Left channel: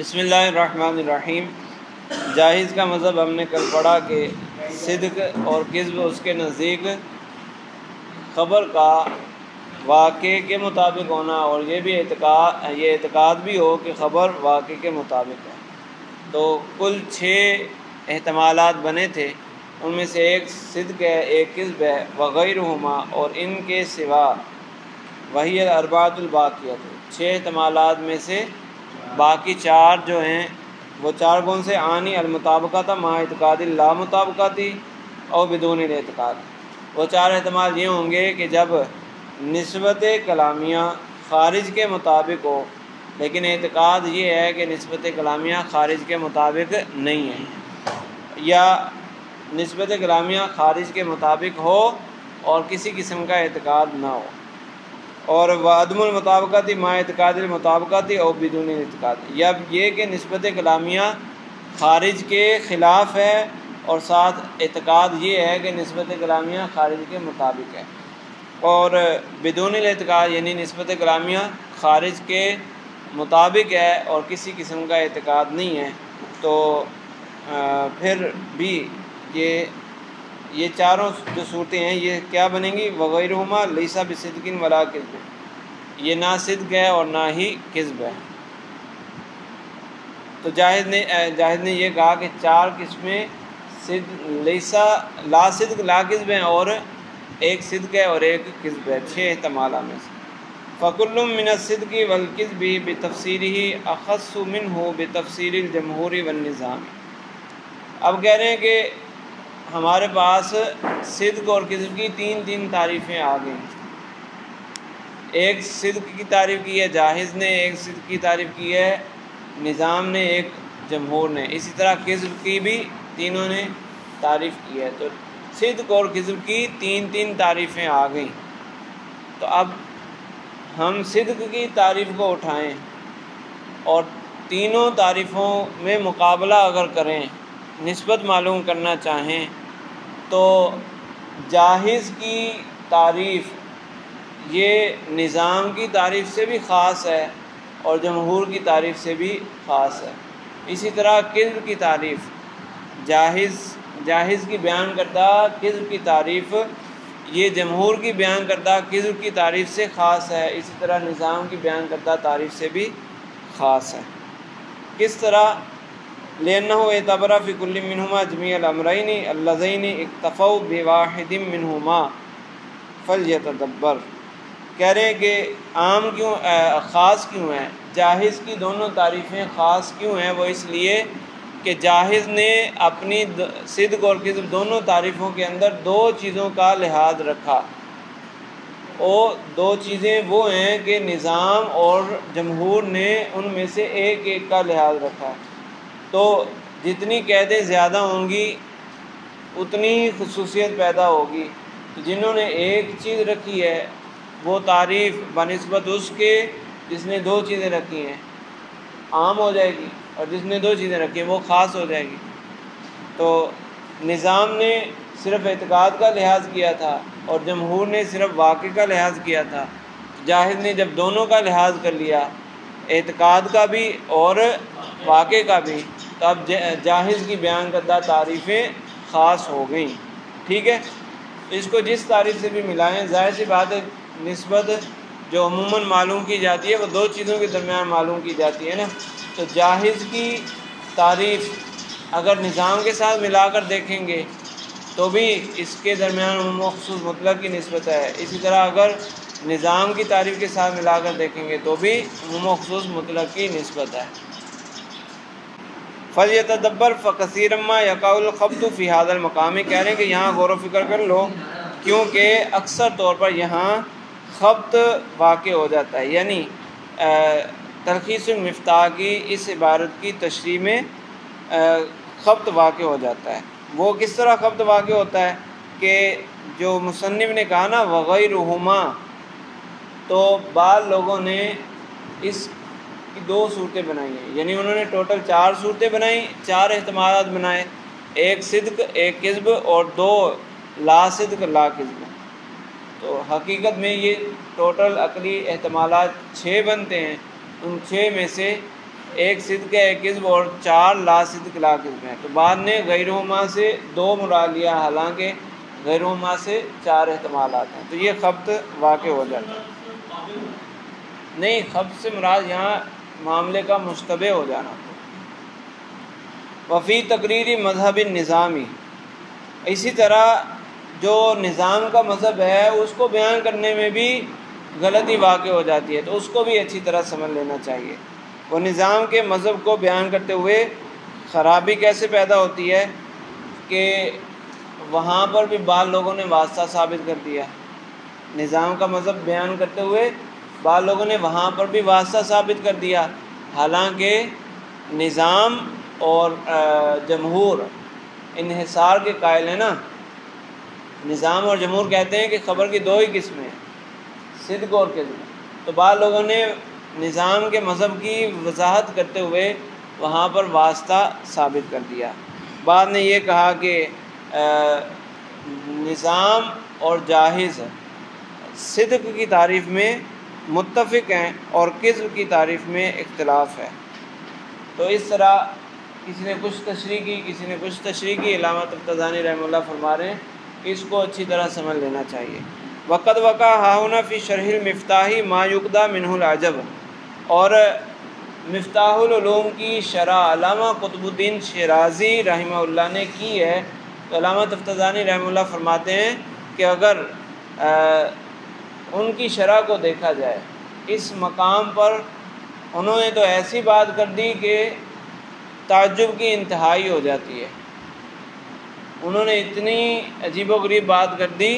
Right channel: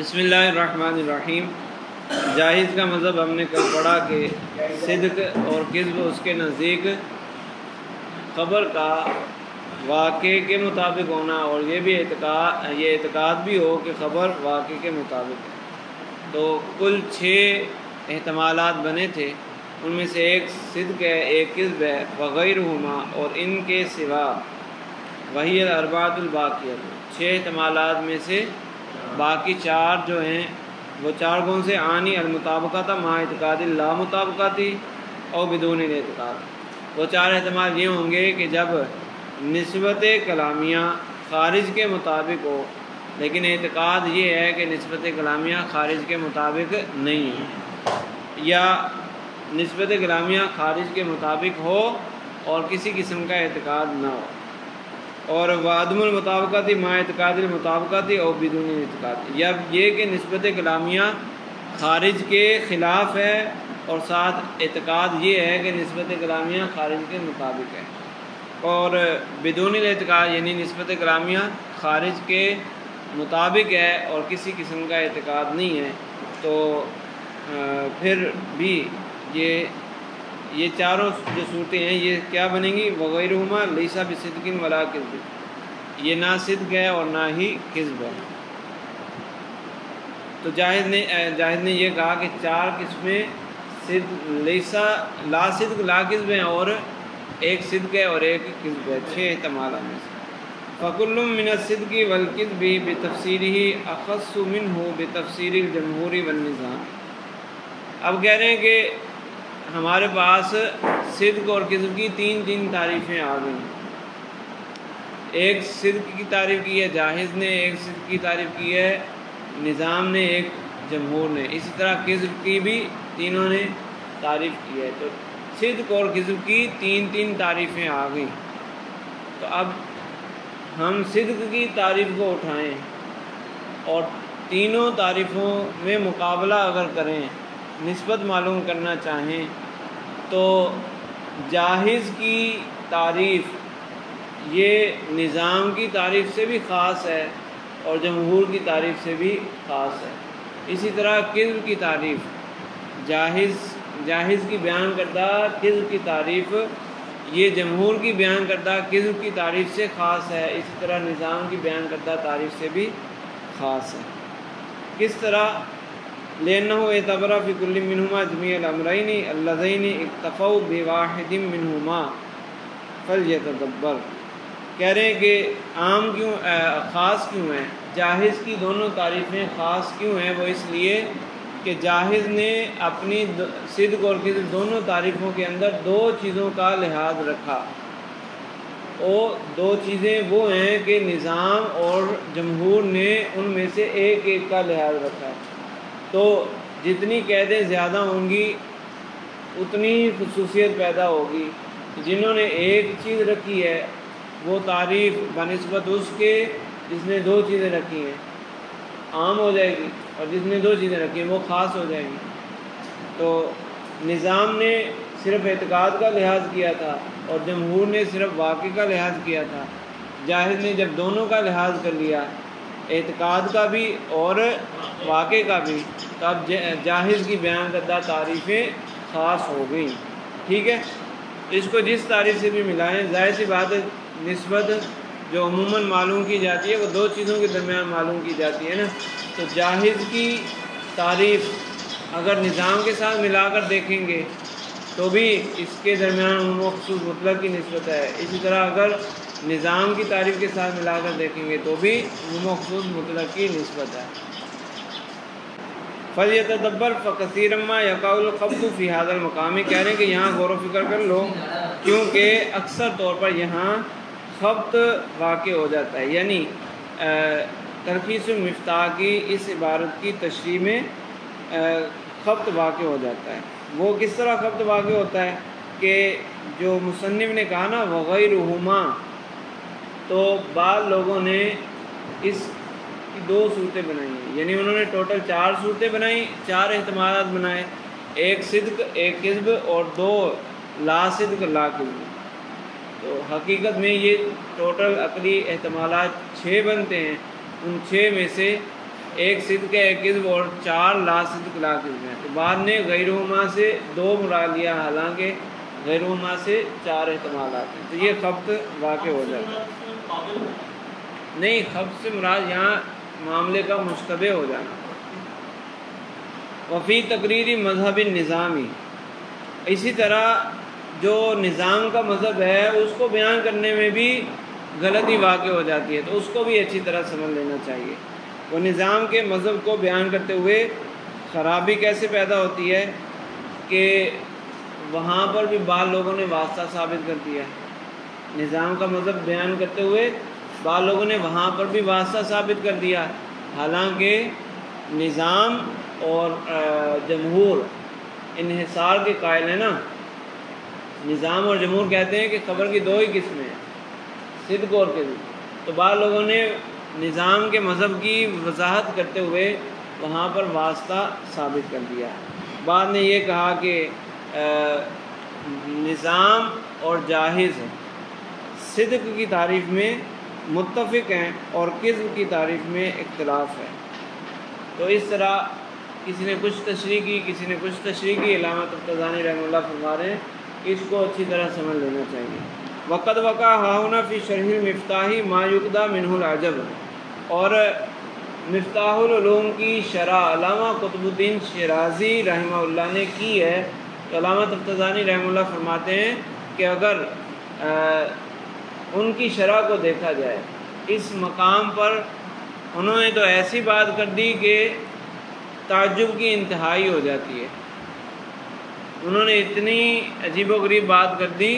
بسم اللہ الرحمن الرحیم۔ جاہز کا مذہب ہم نے کل پڑھا کہ صدق اور کذب اس کے نزدیک خبر کا واقعے کے مطابق ہونا، اور یہ اعتقاد بھی ہو کہ خبر واقعے کے مطابق ہے۔ تو کل 6 احتمالات بنے تھے، ان میں سے ایک صدق ہے، ایک کذب ہے، وغیرہما اور ان کے سوا وہی الاربعۃ الباقیۃ، 6 احتمالات میں سے باقی 4 جو ہیں وہ 4 کون سے؟ عانی المطابقۃ مع اعتقاد لا مطابقتی اور بدون الاعتقاد۔ وہ 4 احتمال یہ ہوں گے کہ جب نسبت کلامیہ خارج کے مطابق ہو، لیکن اعتقاد یہ ہے کہ نسبت کلامیہ خارج کے مطابق نہیں ہے، یا نسبت کلامیہ خارج کے مطابق ہو اور کسی قسم کا اعتقاد نہ ہو، اور وعدم المطابقت مع اعتقاد المطابقت اور بدون اعتقاد، یا یہ کہ نسبت کلامیہ خارج کے خلاف ہے اور ساتھ اعتقاد یہ ہے کہ نسبت کلامیہ خارج کے مطابق ہے، اور بدون الاعتقاد یعنی نسبت کلامیہ خارج کے مطابق ہے اور کسی قسم کا اعتقاد نہیں ہے، تو پھر بھی یہ چاروں جو صورتیں ہیں یہ کیا بنیں گی؟ وغیرہما لیس بصدق ولا کذب، یہ نہ صدق ہے اور نہ ہی کذب ہے۔ تو جاہز نے یہ کہا کہ 4 قسمیں لا صدق لا کذب ہیں، اور ایک صدق ہے اور ایک کذب ہے، 6 احتمالات میں سے۔ فَكُلٌّ مِّنَ الصِّدْقِ وَالْكِذْبِ بِتَفْسِيرِهِ أَخَصُّ مِنْهُ بِتَفْسِيرِ الْجَمْهُورِ وَالنِّظَامِ۔ اب کہہ رہے ہیں کہ ہمارے پاس صدق اور کذب کی 3 تعریفیں آ گئی۔ ایک صدق کی تعریف کی ہے جاہز نے، ایک صدق کی تعریف کی ہے نظام نے، ایک جمہور نے، اسی طرح کذب کی بھی تینوں نے تعریف کی ہے۔ تو صدق اور کذب کی 3 تعریفیں آ گئیں۔ تو اب ہم صدق کی تعریف کو اٹھائیں اور تینوں تعریفوں میں مقابلہ اگر کریں، نسبت معلوم کرنا چاہیں، تو جاہز کی تعریف یہ نظام کی تعریف سے بھی خاص ہے اور جمہور کی تعریف سے بھی خاص ہے۔ اسی طرح کذب کی تعریف جاہز کی بیان کردہ کذب کی تعریف یہ جمہور کی بیان کردہ کذب کی تعریف سے خاص ہے، اسی طرح نظام کی بیان کردہ تعریف سے بھی خاص ہے۔ کس طرح؟ لِأَنَّهُ اعْتَبَرَ فِي كُلٍّ مِّنْهُمَا جَمِيعَ الْأَمْرَيْنِ اللَّذَيْنِ اكْتَفَوْا بِوَاحِدٍ مِّنْهُمَا فَلْيَتَدَبَّرْ۔ کہہ رہے ہیں کہ عام کیوں خاص کیوں ہیں؟ جاہز کی دونوں تعریفیں خاص کیوں ہیں؟ وہ اس لیے کہ جاہز نے اپنی صدق اور کذب دونوں تعریفوں کے اندر 2 چیزوں کا لحاظ رکھا، اور 2 چیزیں وہ ہیں کہ نظام اور جمہور نے ان میں سے ایک کا لحاظ رکھا۔ تو جتنی قیدیں زیادہ ہوں گی اتنی ہی خصوصیت پیدا ہوگی۔ جنہوں نے ایک چیز رکھی ہے وہ تعریف بنسبت اس کے جس نے 2 چیزیں رکھی ہیں عام ہو جائے گی، اور جس نے 2 چیزیں رکھی ہیں وہ خاص ہو جائے گی۔ تو نظام نے صرف اعتقاد کا لحاظ کیا تھا اور جمہور نے صرف واقع کا لحاظ کیا تھا۔ جاہز نے جب دونوں کا لحاظ کر لیا، اعتقاد کا بھی اور واقع کا بھی، تو اب جاہز کی بیان کردہ تعریفیں خاص ہو گئیں۔ ٹھیک ہے، اس کو جس تعریف سے بھی ملائیں، ظاہر سی بات ہے نسبت جو عموماً معلوم کی جاتی ہے وہ 2 چیزوں کے درمیان معلوم کی جاتی ہے نا۔ تو جاہز کی تعریف اگر نظام کے ساتھ ملا کر دیکھیں گے تو بھی اس کے درمیان عموم و خصوص مطلق کی نسبت ہے، اسی طرح اگر نظام کی تعریف کے ساتھ ملا کر دیکھیں گے تو بھی عموم و خصوص مطلق کی نسبت ہے۔ فَلْيَتَدَبَّرْ فَكَثِيرًا مَا يَقَعُ الْخَبْطُ فِي هَذَا الْمَقَامِ، کہہ رہے ہیں کہ یہاں غور و فکر کر لو، کیونکہ اکثر طور پر یہاں خبط واقع ہو جاتا ہے، یعنی تلخیص المفتاح کی اس عبارت کی تشریح میں خبط واقع ہو جاتا ہے۔ وہ کس طرح خبط واقع ہوتا ہے کہ جو مصنف نے کہا نا وغیرہما، تو بعض لوگوں نے اس کی 2 صورتیں بنائی ہیں، یعنی انہوں نے ٹوٹل 4 صورتیں بنائیں، 4 احتمالات بنائے، ایک صدق، ایک کذب اور 2 لا صدق لا کذب۔ تو حقیقت میں یہ ٹوٹل عقلی احتمالات 6 بنتے ہیں، ان 6 میں سے ایک صدق ہے ایک کذب اور 4 لا صدق لا کذب ہے. تو بعد نے غیرہما سے 2 مراد لیا، حالانکہ غیرہما سے 4 احتمالات ہیں. تو یہ خبط واقع ہو جاتا ہے. نہیں، خبط سے مراد یہاں معاملے کا مشتبہ ہو جانا. وفی تقریری مذہب نظامی، اسی طرح جو نظام کا مذہب ہے اس کو بیان کرنے میں بھی غلطی واقع ہو جاتی ہے، تو اس کو بھی اچھی طرح سمجھ لینا چاہیے. وہ نظام کے مذہب کو بیان کرتے ہوئے خرابی کیسے پیدا ہوتی ہے کہ وہاں پر بھی بعض لوگوں نے واسطہ ثابت کر دیا. نظام کا مذہب بیان کرتے ہوئے بعض لوگوں نے وہاں پر بھی واسطہ ثابت کر دیا، حالانکہ نظام اور جمہور انحصار کے قائل ہیں نا. نظام اور جمہور کہتے ہیں کہ خبر کی 2 ہی قسمیں ہیں، صدق اور کذب. تو بعض لوگوں نے نظام کے مذہب کی وضاحت کرتے ہوئے وہاں پر واسطہ ثابت کر دیا. بعد نے یہ کہا کہ نظام اور جاہز صدق کی تعریف میں متفق ہیں اور کذب کی تعریف میں اختلاف ہے. تو اس طرح کسی نے کچھ تشریح کی، کسی نے کچھ تشریح کی. علامہ طبطبانی رحمہ اللہ فرما رہے ہیں کہ اس کو اچھی طرح سمجھ لینا چاہیے. وقد وقع ہاہنا فی شرح المفتاح ما یقدہ منہ العجب، اور مفتاح العلوم کی شرح علامہ قطب الدین شیرازی رحمہ اللہ نے کی ہے. تو علامہ طبطبانی رحمہ اللہ فرماتے ہیں کہ اگر ان کی شرح کو دیکھا جائے اس مقام پر انہوں نے تو ایسی بات کر دی کہ تعجب کی انتہائی ہو جاتی ہے. انہوں نے اتنی عجیب و غریب بات کر دی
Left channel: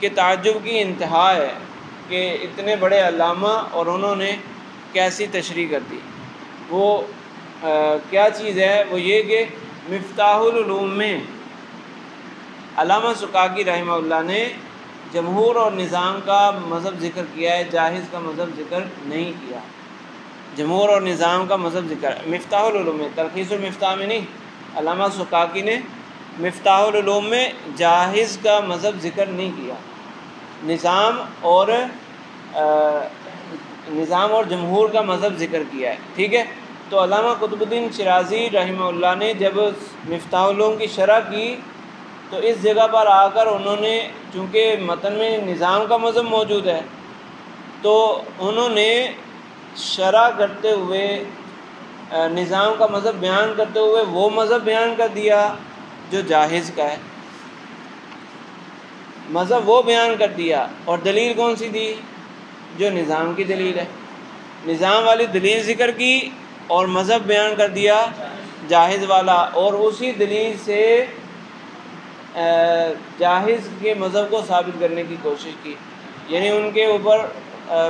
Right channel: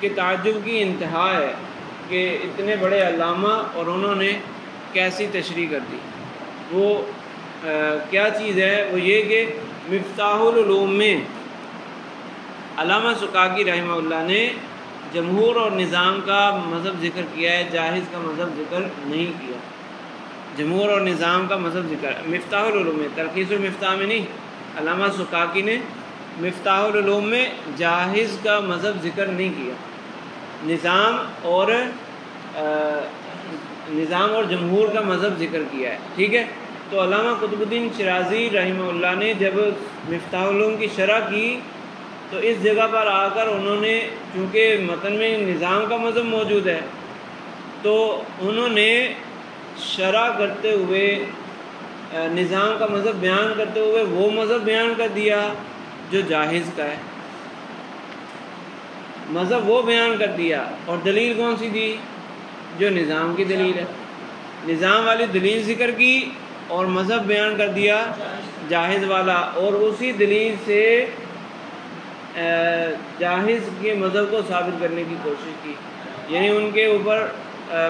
کہ تعجب کی انتہا ہے کہ اتنے بڑے علامہ اور انہوں نے کیسی تشریح کر دی. وہ کیا چیز ہے؟ وہ یہ کہ مفتاح العلوم میں علامہ سکاکی رحمہ اللہ نے جمہور اور نظام کا مذہب ذکر کیا ہے، جاہز کا مذہب ذکر نہیں کیا. جمہور اور نظام کا مذہب ذکر مفتاح العلوم میں، تلخیص المفتاح میں نہیں. علامہ سکاکی نے مفتاح العلوم میں جاہز کا مذہب ذکر نہیں کیا، نظام اور جمہور کا مذہب ذکر کیا ہے. ٹھیک ہے. تو علامہ قطب الدین شیرازی رحمہ اللہ نے جب مفتاح العلوم کی شرح کی تو اس جگہ پر آ کر انہوں نے، چونکہ متن میں نظام کا مذہب موجود ہے، تو انہوں نے شرح کرتے ہوئے نظام کا مذہب بیان کرتے ہوئے وہ مذہب بیان کر دیا جو جاہز کا ہے. مذہب وہ بیان کر دیا، اور دلیل کون سی دی؟ جو نظام کی دلیل ہے. نظام والی دلیل ذکر کی اور مذہب بیان کر دیا جاہز والا، اور اسی دلیل سے جاہز کے مذہب کو ثابت کرنے کی کوشش کی. یعنی ان کے اوپر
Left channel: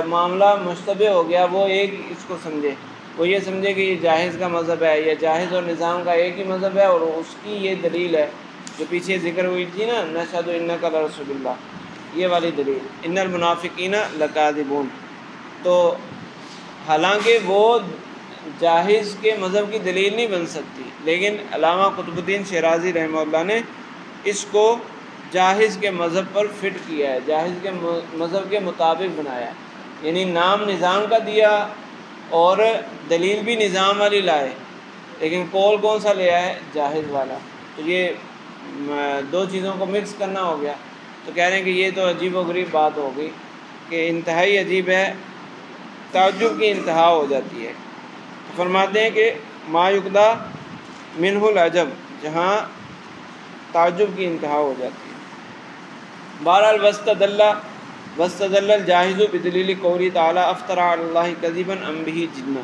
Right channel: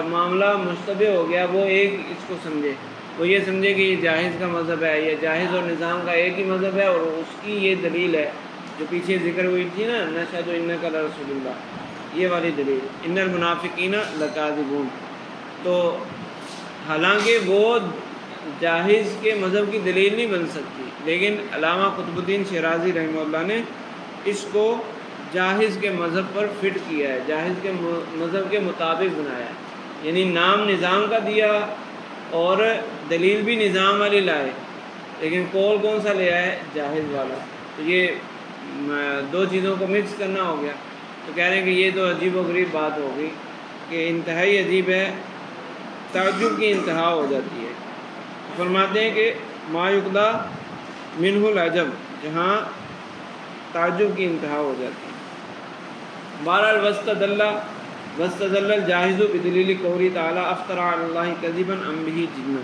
معاملہ مشتبہ ہو گیا. وہ ایک اس کو سمجھے، وہ یہ سمجھے کہ یہ جاہز کا مذہب ہے، یا جاہز اور نظام کا ایک ہی مذہب ہے، اور اس کی یہ دلیل ہے جو پیچھے ذکر ہوئی تھی نا، نشہد انک لرسول اللہ، یہ والی دلیل، ان المنافقین لکاذبون. تو حالانکہ وہ جاہز کے مذہب کی دلیل نہیں بن سکتی، لیکن علامہ قطب الدین شیرازی رحمہ اللہ نے اس کو جاہز کے مذہب پر فٹ کیا ہے، جاہز کے مذہب کے مطابق بنایا ہے. یعنی نام نظام کا دیا اور دلیل بھی نظام والی لائے، لیکن قول کون سا لیا ہے؟ جاہز والا. تو یہ 2 چیزوں کو مکس کرنا ہو گیا. تو کہہ رہے ہیں کہ یہ تو عجیب و غریب بات ہو گئی، کہ انتہائی عجیب ہے، تعجب کی انتہا ہو جاتی ہے. فرماتے ہیں کہ ما یقدہ منہ العجب، جہاں تعجب کی انتہا ہو جاتی ہے. بہرحال واستدل الجاہز بدلیل قولی تعالی افترى علی اللہ کذبا ام بہ جنہ.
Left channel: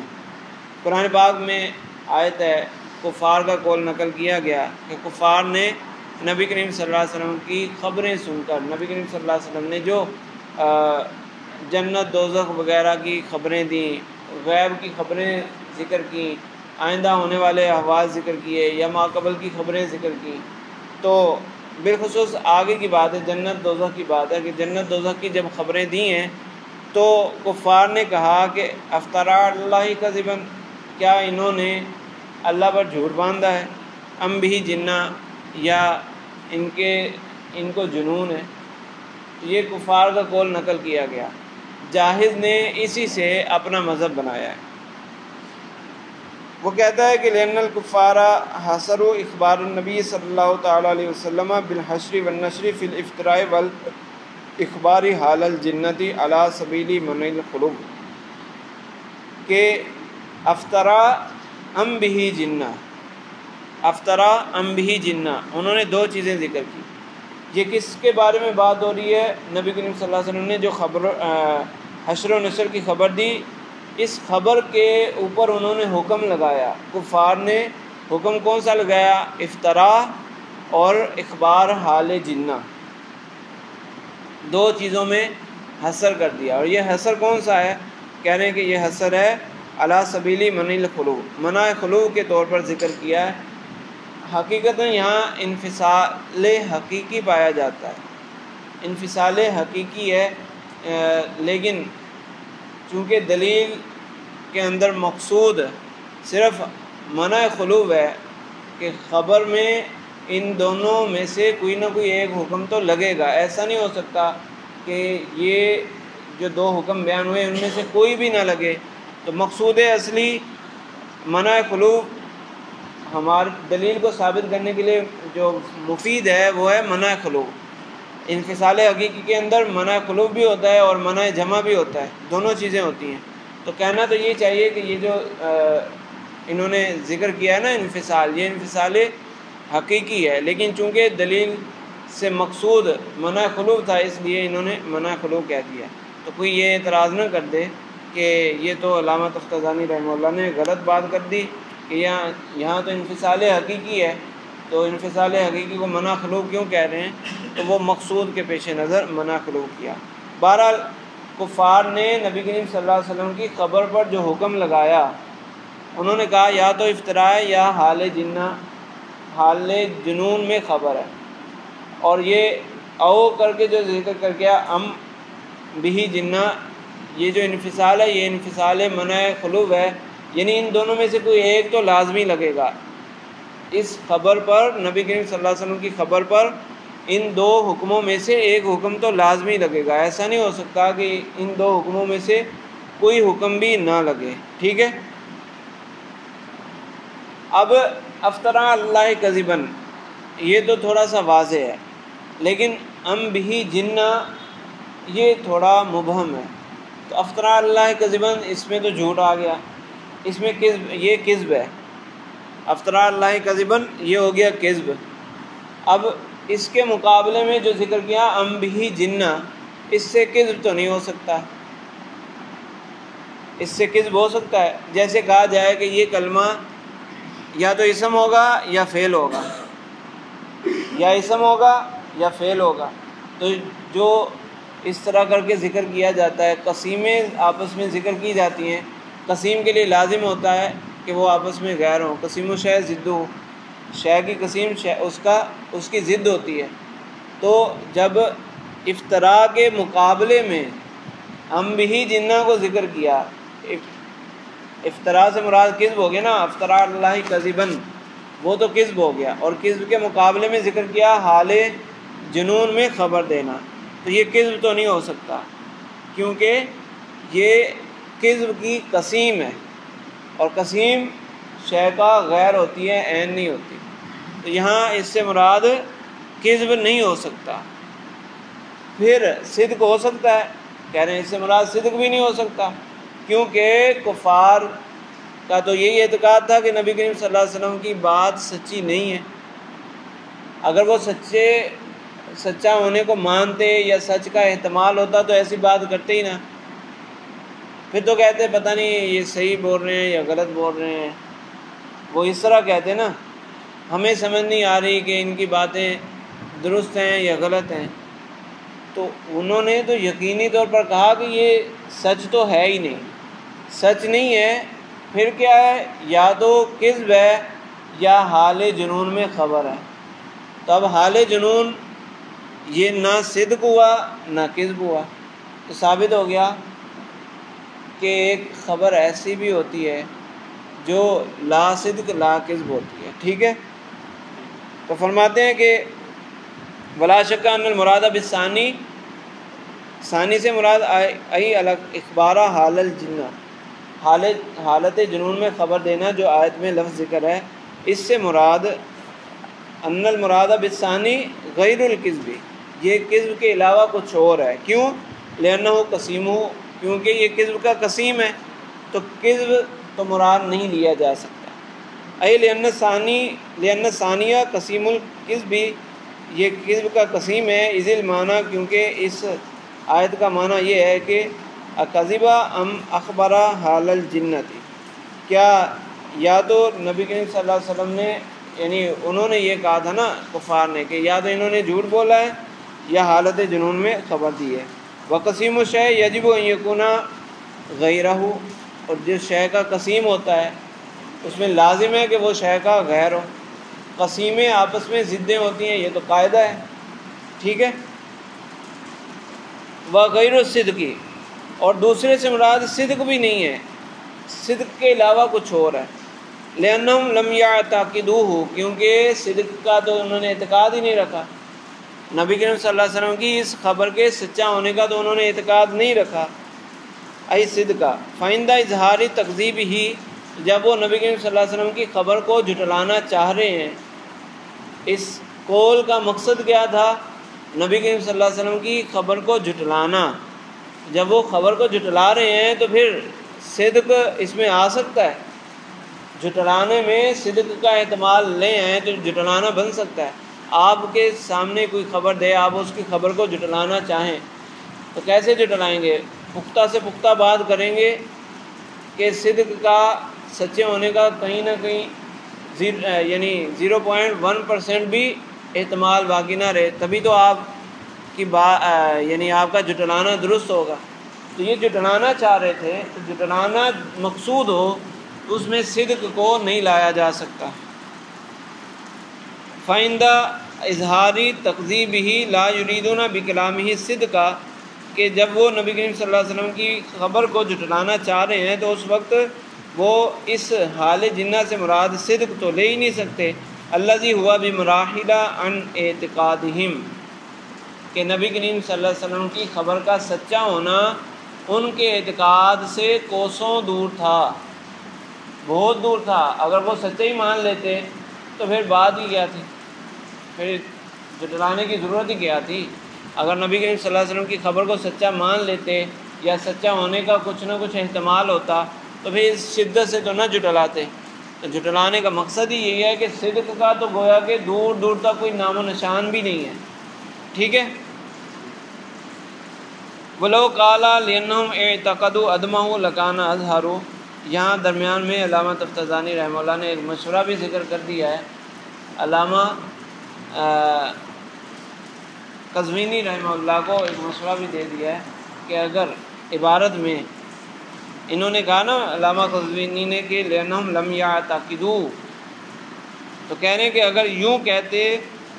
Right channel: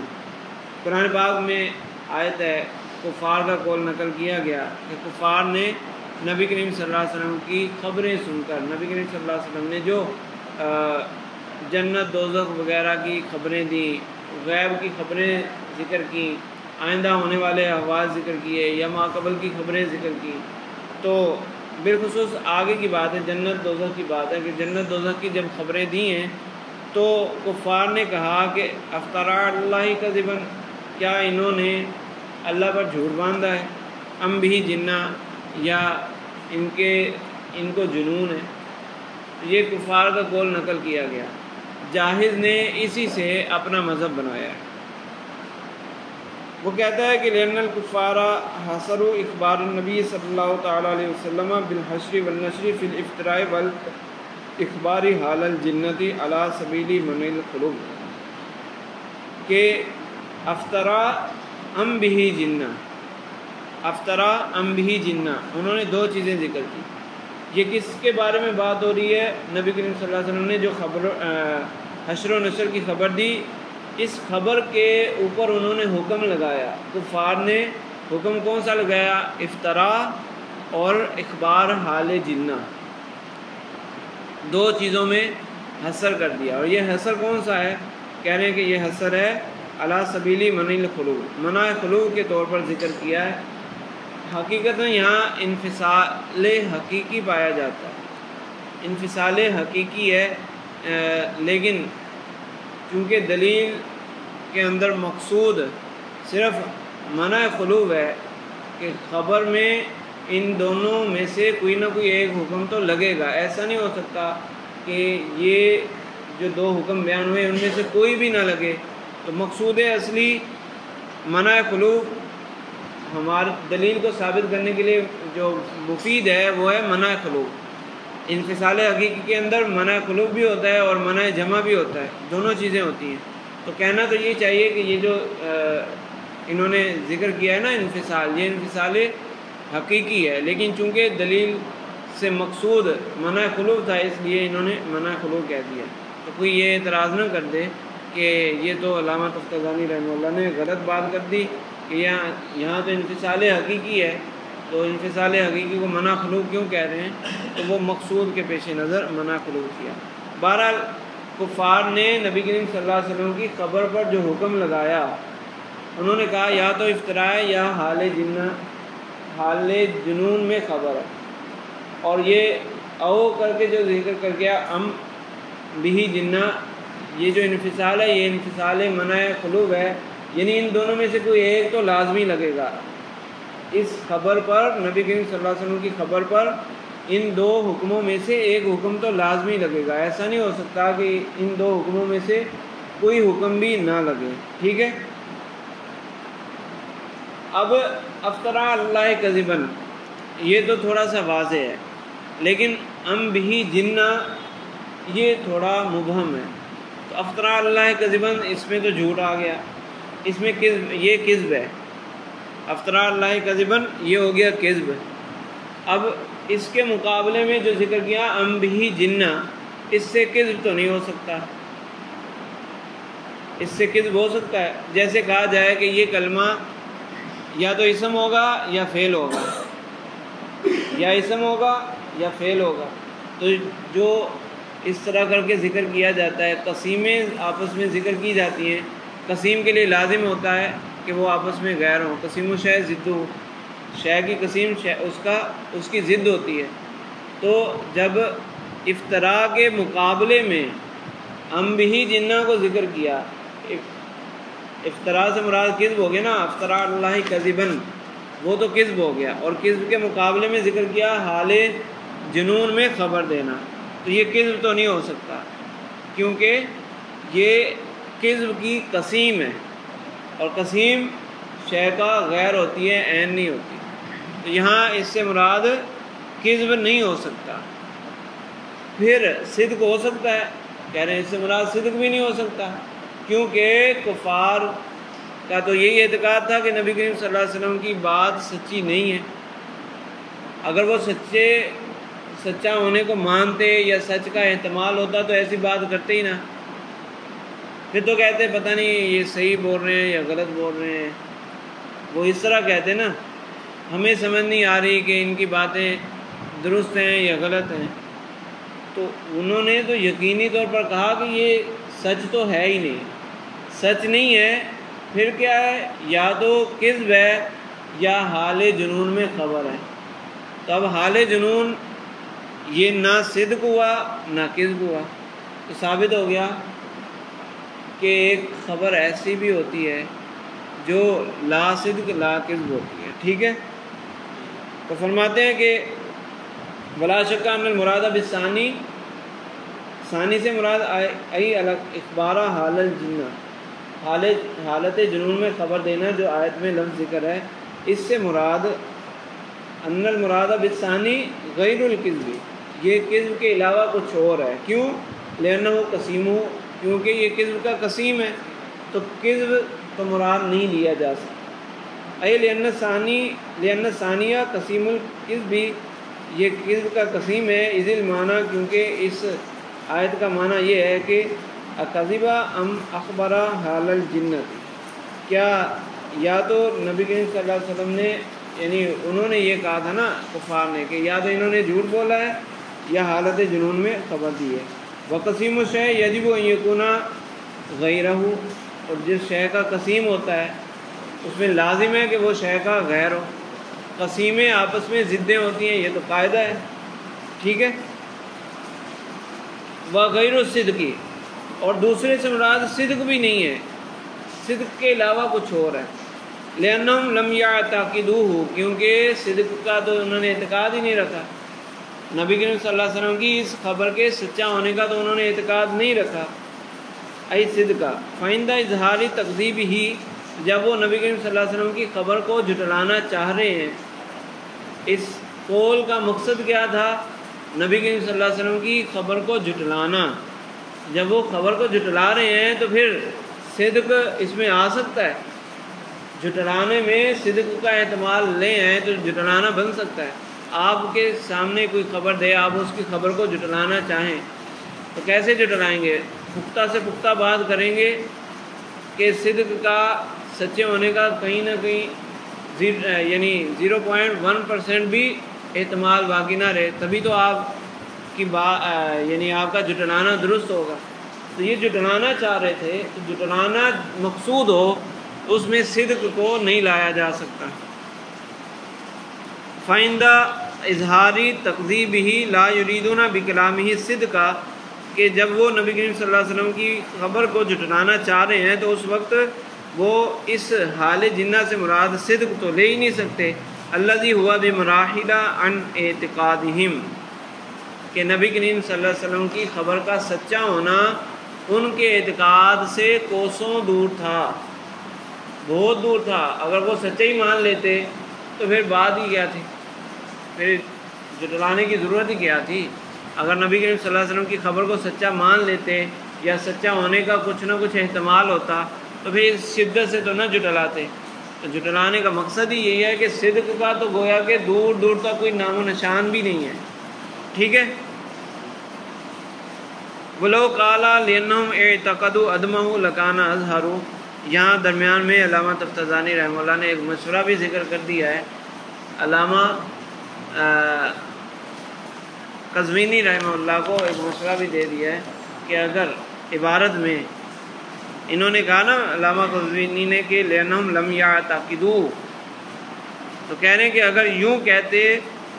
قرآن پاک میں آیت ہے، کفار کا قول نقل کیا گیا کہ کفار نے نبی کریم صلی اللہ علیہ وسلم کی خبریں سن کر، نبی کریم صلی اللہ علیہ وسلم نے جو جنت دوزخ وغیرہ کی خبریں دیں، غیب کی خبریں ذکر کی، آئندہ ہونے والے احوال ذکر کیے، یا ماقبل کی خبریں ذکر کی. تو بالخصوص آگے کی بات ہے، جنت دوزخ کی بات ہے کہ جنت دوزخ کی جب خبریں دی ہیں تو کفار نے کہا کہ افترى علی اللہ کذبا، کیا انہوں نے اللہ پر جھوٹ باندھا ہے، ام بہ جنہ، یا ان کو جنون ہے. یہ کفار کا قول نقل کیا گیا. جاہز نے اسی سے اپنا مذہب بنایا ہے. وہ کہتا ہے کہ لأن الکفار حصروا اخبار النبی صلی اللہ تعالیٰ علیہ وسلم بالحشر والنشر فی الافتراء والاخبار حال الجنت علی سبیل منع الخلو، کہ افطرا ام بہ جنہ، افطرا ام بہ جنہ، انہوں نے دو چیزیں ذکر کی۔ یہ کس کے بارے میں بات ہو رہی ہے؟ نبی کریم صلی اللہ علیہ وسلم نے جو خبر حشر و نشر کی خبر دی، اس خبر کے اوپر انہوں نے حکم لگایا، کفار نے حکم کون سا لگایا؟ افطرا اور اخبار حال جنہ، دو چیزوں میں حصر کر دیا۔ اور یہ حصر کون سا ہے؟ کہہ رہے ہیں کہ یہ حصر ہے علی سبیل منع الخلو، منع خلو کے طور پر ذکر کیا ہے۔ حقیقتاً یہاں انفصال حقیقی پایا جاتا ہے، انفصال حقیقی ہے، لیکن چونکہ دلیل کے اندر مقصود صرف منع خلو ہے کہ خبر میں ان دونوں میں سے کوئی نہ کوئی ایک حکم تو لگے گا، ایسا نہیں ہو سکتا کہ یہ جو دو حکم بیان ہوئے ان میں سے کوئی بھی نہ لگے۔ تو مقصود اصلی منع خلو ہماری دلیل کو ثابت کرنے کے لیے جو مفید ہے وہ ہے منع خلو۔ انفصال حقیقی کے اندر منع خلو بھی ہوتا ہے اور منع جمع بھی ہوتا ہے، دونوں چیزیں ہوتی ہیں۔ تو کہنا تو یہ چاہیے کہ یہ جو انہوں نے ذکر کیا ہے نا انفصال، یہ انفصال حقیقی ہے، لیکن چونکہ دلیل سے مقصود منع خلو تھا اس لیے انہوں نے منع خلو کہہ دیا۔ تو کوئی یہ اعتراض نہ کر دے کہ یہ تو علامہ تفتزانی رحمہ اللہ نے غلط بات کر دی کہ یہاں تو انفصال حقیقی ہے، تو انفصال حقیقی کو منع خلو کیوں کہہ رہے ہیں؟ تو وہ مقصود کے پیش نظر منع خلو کیا۔ بہرحال کفار نے نبی کریم صلی اللہ علیہ وسلم کی خبر پر جو حکم لگایا، انہوں نے کہا یا تو افطراء یا حال جنہ، حال جنون میں خبر ہے، اور یہ او کر کے جو ذکر کر گیا ام بہ جنہ، یہ جو انفصال ہے یہ انفصال منع خلو ہے، یعنی ان دونوں میں سے کوئی ایک تو لازمی لگے گا۔ اس خبر پر، نبی کریم صلی اللہ علیہ وسلم کی خبر پر ان دو حکموں میں سے ایک حکم تو لازمی لگے گا، ایسا نہیں ہو سکتا کہ ان دو حکموں میں سے کوئی حکم بھی نہ لگے، ٹھیک ہے۔ اب افطرا اللہ کذباً یہ تو تھوڑا سا واضح ہے، لیکن ام بہ جنہ یہ تھوڑا مبہم ہے۔ تو افطرا اللہ کذباً اس میں تو جھوٹ آ گیا، اس میں کذب، یہ کذب ہے، افطرا اللہ کذباً یہ ہو گیا کذب۔ اب اس کے مقابلے میں جو ذکر کیا ام بہ جنہ، اس سے کذب تو نہیں ہو سکتا، اس سے کذب ہو سکتا ہے؟ جیسے کہا جائے کہ یہ کلمہ یا تو اسم ہوگا یا فعل ہوگا، یا اسم ہوگا یا فعل ہوگا، تو جو اس طرح کر کے ذکر کیا جاتا ہے، قسیمیں آپس میں ذکر کی جاتی ہیں، قسیم کے لیے لازم ہوتا ہے کہ وہ آپس میں غیر ہوں، قسیم و شے ضدو، شے کی قسیم اس کی ضد ہوتی ہے۔ تو جب افطرا کے مقابلے میں ام بہ جنہ کو ذکر کیا، افطرا سے مراد کذب ہو گیا نا، افطرا اللہ کذباً وہ تو کذب ہو گیا، اور کذب کے مقابلے میں ذکر کیا حال جنون میں خبر دینا، تو یہ کذب تو نہیں ہو سکتا، کیونکہ یہ کذب کی قسیم ہے، اور قسیم شے کا غیر ہوتی ہے، عین نہیں ہوتی، تو یہاں اس سے مراد کذب نہیں ہو سکتا۔ پھر صدق ہو سکتا ہے، کہہ رہے ہیں اس سے مراد صدق بھی نہیں ہو سکتا، کیونکہ کفار کا تو یہی اعتقاد تھا کہ نبی کریم صلی اللہ علیہ وسلم کی بات سچی نہیں ہے۔ اگر وہ سچا ہونے کو مانتے یا سچ کا احتمال ہوتا تو ایسی بات کرتے ہی نہ، پھر تو کہتے پتہ نہیں یہ صحیح بول رہے ہیں یا غلط بول رہے ہیں، وہ اس طرح کہتے نا، ہمیں سمجھ نہیں آ رہی کہ ان کی باتیں درست ہیں یا غلط ہیں۔ تو انہوں نے تو یقینی طور پر کہا کہ یہ سچ تو ہے ہی نہیں، سچ نہیں ہے، پھر کیا ہے؟ یا تو کذب ہے یا حال جنون میں خبر ہے۔ تو اب حال جنون یہ نہ صدق ہوا نہ کذب ہوا، تو ثابت ہو گیا کہ ایک خبر ایسی بھی ہوتی ہے جو لا صدق لا کذب ہوتی ہے، ٹھیک ہے۔ تو فرماتے ہیں کہ ولا شک ان المراد بالثانی، ثانی سے مراد ای الگ اخبارہ حال الجنہ، حالت جنون میں خبر دینا جو آیت میں لفظ ذکر ہے، اس سے مراد ان المراد بالثانی غیر الکذب، یہ کذب کے علاوہ کچھ اور ہے۔ کیوں؟ لأنہ قسیم، کیونکہ یہ کذب کا قسیم ہے، تو کذب تو مراد نہیں لیا جا سکتا۔ اے لأن ثانیہ قسیم الکذب، یہ کذب کا قسیم ہے، اذ المعنی، کیونکہ اس آیت کا معنی یہ ہے کہ اکذبا ام اخبرا حال الجنتی، کیا یا تو نبی کریم صلی اللہ علیہ وسلم نے، یعنی انہوں نے یہ کہا تھا نا کفار نے، کہ یا تو انہوں نے جھوٹ بولا ہے یا حالت جنون میں خبر دی ہے۔ وقسیم الشیء یجب ان یکون غیرہ، اور جس شے کا قسیم ہوتا ہے اس میں لازم ہے کہ وہ شے کا غیر ہو۔ قسیمیں آپس میں ضدیں ہوتی ہیں، یہ تو قاعدہ ہے، ٹھیک ہے۔ وغیر الصدقی، اور دوسرے سے مراد صدق بھی نہیں ہے، صدق کے علاوہ کچھ اور ہے۔ لأنہم لم یعتقدوہ، کیونکہ صدق کا تو انہوں نے اعتقاد ہی نہیں رکھا، نبی کریم صلی اللہ علیہ وسلم کی اس خبر کے سچا ہونے کا تو انہوں نے اعتقاد نہیں رکھا۔ ای صدقہ فائندہ اظہاری تکذیب ہی، جب وہ نبی کریم صلی اللہ علیہ وسلم کی خبر کو جھٹلانا چاہ رہے ہیں، اس قول کا مقصد کیا تھا؟ نبی کریم صلی اللہ علیہ وسلم کی خبر کو جھٹلانا۔ جب وہ خبر کو جھٹلا رہے ہیں تو پھر صدق اس میں آ سکتا ہے، جھٹلانے میں صدق کا احتمال لے آئیں تو جھٹلانا بن سکتا ہے۔ آپ کے سامنے کوئی خبر دے، آپ اس کی خبر کو جھٹلانا چاہیں تو کیسے جھٹلائیں گے؟ پختہ سے پختہ بات کریں گے کہ صدق کا، سچے ہونے کا کہیں نہ کہیں یعنی 0.1% بھی احتمال باقی نہ رہے، تبھی تو آپ کی یعنی آپ کا جھٹلانا درست ہوگا۔ تو یہ جھٹلانا چاہ رہے تھے، تو جھٹلانا مقصود ہو اس میں صدق کو نہیں لایا جا سکتا۔ فائندہ اظہاری تکذیب ہی لا یریدون بکلامہ صدقہ، کہ جب وہ نبی کریم صلی اللہ علیہ وسلم کی خبر کو جھٹلانا چاہ رہے ہیں تو اس وقت وہ اس حال جنہ سے مراد صدق تو لے ہی نہیں سکتے۔ الذی ہوا بمراحل عن اعتقادہم، کہ نبی کریم صلی اللہ علیہ وسلم کی خبر کا سچا ہونا ان کے اعتقاد سے کوسوں دور تھا، بہت دور تھا۔ اگر وہ سچے ہی مان لیتے تو پھر بات ہی کیا تھی، پھر جھٹلانے کی ضرورت ہی کیا تھی؟ اگر نبی کریم صلی اللہ علیہ وسلم کی خبر کو سچا مان لیتے یا سچا ہونے کا کچھ نہ کچھ احتمال ہوتا تو پھر اس شدت سے تو نہ جھٹلاتے۔ تو جھٹلانے کا مقصد ہی یہی ہے کہ صدق کا تو گویا کہ دور دور تک کوئی نام و نشان بھی نہیں ہے، ٹھیک ہے۔ وَلَوْ قَالَ لِأَنَّهُمْ اعْتَقَدُوا عَدْمَهُ لَكَانَ أَظْهَرُ، یہاں درمیان میں علامہ تفتزانی رحمہ اللہ نے ایک مشورہ بھی ذکر کر دیا ہے۔ علامہ قزوینی رحمہ اللہ کو ایک مشورہ بھی دے دیا ہے کہ اگر عبارت میں انہوں نے کہا نا علامہ قزوینی نے کہ لأنہم لم یعتقدوا، تو کہہ رہے ہیں کہ اگر یوں کہتے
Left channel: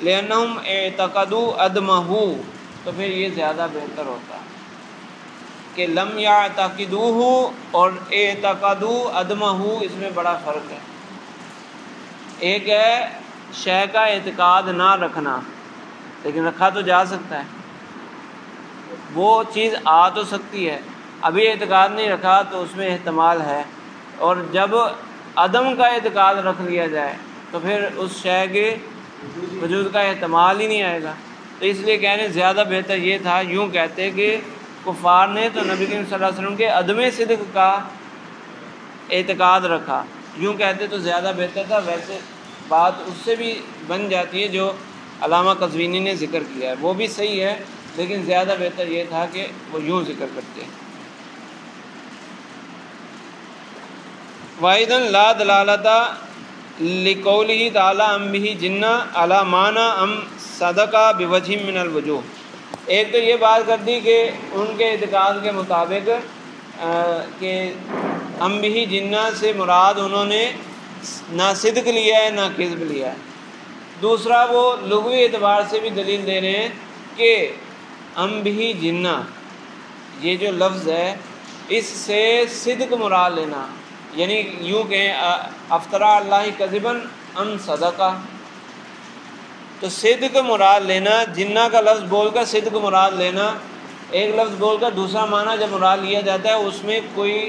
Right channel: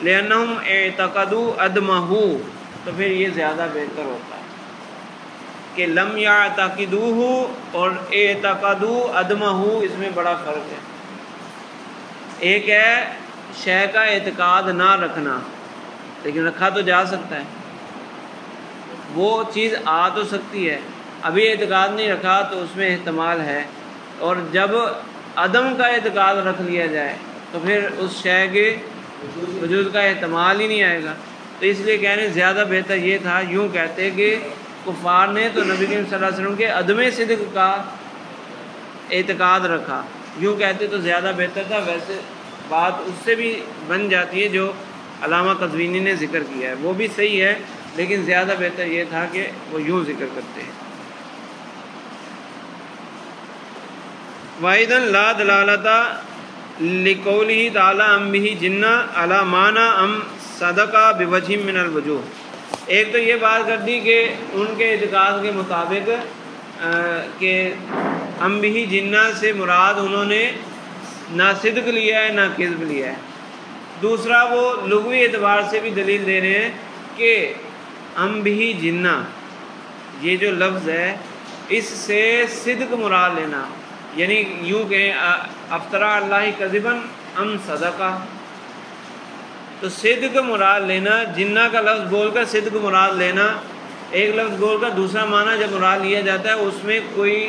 لأنہم اعتقدوا عدمہ، تو پھر یہ زیادہ بہتر ہوتا کہ لم یعتقدوہ اور اعتقدوا عدمہ، اس میں بڑا فرق ہے۔ ایک ہے شے کا اعتقاد نہ رکھنا، لیکن رکھا تو جا سکتا ہے، وہ چیز آ تو سکتی ہے، ابھی اعتقاد نہیں رکھا تو اس میں احتمال ہے، اور جب عدم کا اعتقاد رکھ لیا جائے تو پھر اس شے کے وجود کا احتمال ہی نہیں آئے گا۔ تو اس لیے کہنے زیادہ بہتر یہ تھا یوں کہتے کہ کفار نے تو نبی کریم صلی اللہ علیہ وسلم کے عدم صدق کا اعتقاد رکھا، یوں کہتے تو زیادہ بہتر تھا۔ ویسے بات اس سے بھی بن جاتی ہے جو علامہ قزوینی نے ذکر کیا ہے، وہ بھی صحیح ہے، لیکن زیادہ بہتر یہ تھا کہ وہ یوں ذکر کرتے ہیں۔ وَأَيْضًا لَا دَلَالَةَ لِقَوْلِهِ تَعَالَىٰ أَمْ بِهِ جِنَّةٌ عَلَىٰ مَعْنَىٰ أَمْ صَدَقَ بِوَجْهٍ مِّنَ الْوُجُوهِ، ایک تو یہ بات کر دی کہ ان کے اعتقاد کے مطابق کہ أَمْ بِهِ جِنَّةٌ سے مراد انہوں نے نہ صدق لیا ہے نہ کذب لیا ہے۔ دوسرا وہ لغوی اعتبار سے بھی دلیل دے رہے ہیں کہ أَمْ بِهِ جِنَّةٌ، یہ جو لفظ ہے اس سے صدق مراد لینا، یعنی یوں کہیں افترا اللہ کذباً ام صدقہ، تو صدق مراد لینا، جنہ کا لفظ بول کر صدق مراد لینا، ایک لفظ بول کر دوسرا معنی جب مراد لیا جاتا ہے اس میں کوئی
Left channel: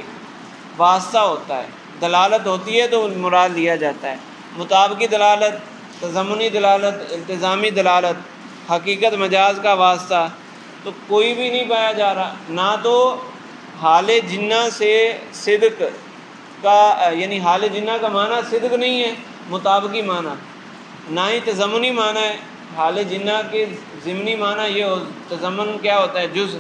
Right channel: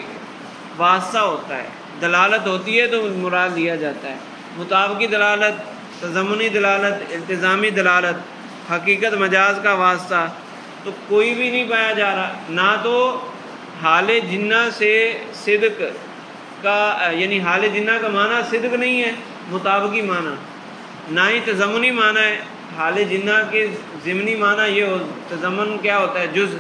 واسطہ ہوتا ہے، دلالت ہوتی ہے تو مراد لیا جاتا ہے۔ مطابقی دلالت، تضمنی دلالت، التزامی دلالت، حقیقت مجاز کا واسطہ تو کوئی بھی نہیں پایا جا رہا، نہ تو حال جنہ سے صدق کا، یعنی حال جنہ کا معنی صدق نہیں ہے مطابقی معنی، نہ ہی تضمنی معنی ہے۔ حال جنہ کے ضمنی معنی یہ ہو، تضمن کیا ہوتا ہے؟ جز۔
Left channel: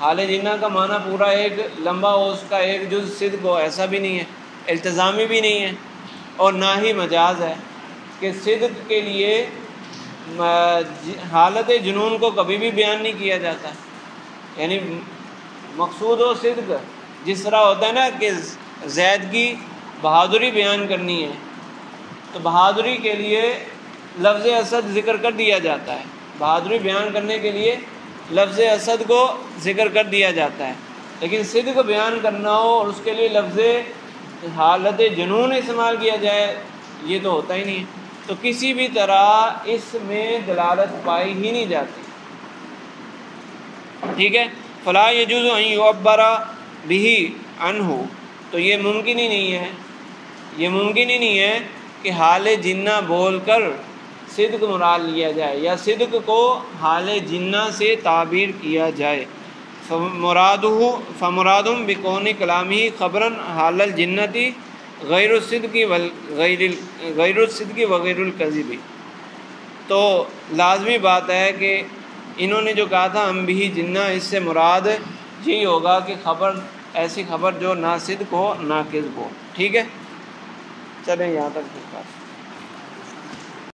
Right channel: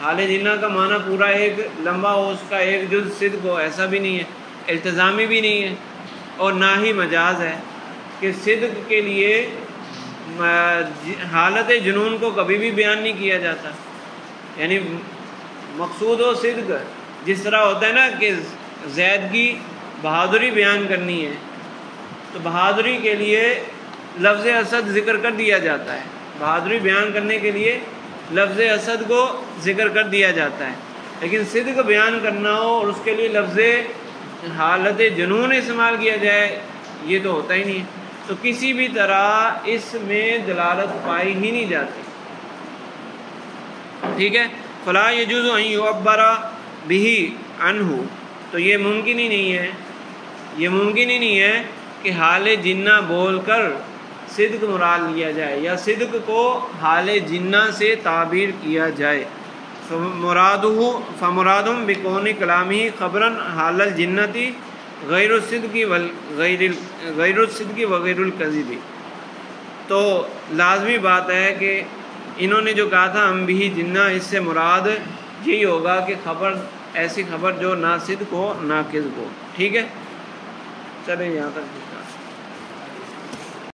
حال جنہ کا معنی پورا ایک لمبا ہو، اس کا ایک جز صدق ہو، ایسا بھی نہیں ہے، التزامی بھی نہیں ہے، اور نہ ہی مجاز ہے کہ صدق کے لیے حالت جنون کو کبھی بھی بیان نہیں کیا جاتا، یعنی مقصود ہو صدق، جس طرح ہوتا ہے نا کہ زید کی بہادری بیان کرنی ہے تو بہادری کے لیے لفظ اسد ذکر کر دیا جاتا ہے، بہادری بیان کرنے کے لیے لفظ اسد کو ذکر کر دیا جاتا ہے، لیکن صدق بیان کرنا ہو اور اس کے لیے لفظ حالت جنون استعمال کیا جائے یہ تو ہوتا ہی نہیں، تو کسی بھی طرح اس میں دلالت پائی ہی نہیں جاتی، ٹھیک ہے۔ فلا یجوز ان یعبر به عنہ، تو یہ ممکن ہی نہیں ہے، یہ ممکن ہی نہیں ہے کہ حال جنہ بول کر صدق مراد لیا جائے یا صدق کو حال جنہ سے تعبیر کیا جائے۔ فمرادہم بکون کلامہ خبرا حال الجنتی غیر الصدق وغیر الکذب، تو لازمی بات ہے کہ انہوں نے جو کہا تھا ہم بھی جنہ، اس سے مراد یہی ہوگا کہ خبر، ایسی خبر جو نہ صدق ہو نہ کذب ہو، ٹھیک ہے۔ چلیں یہاں تک۔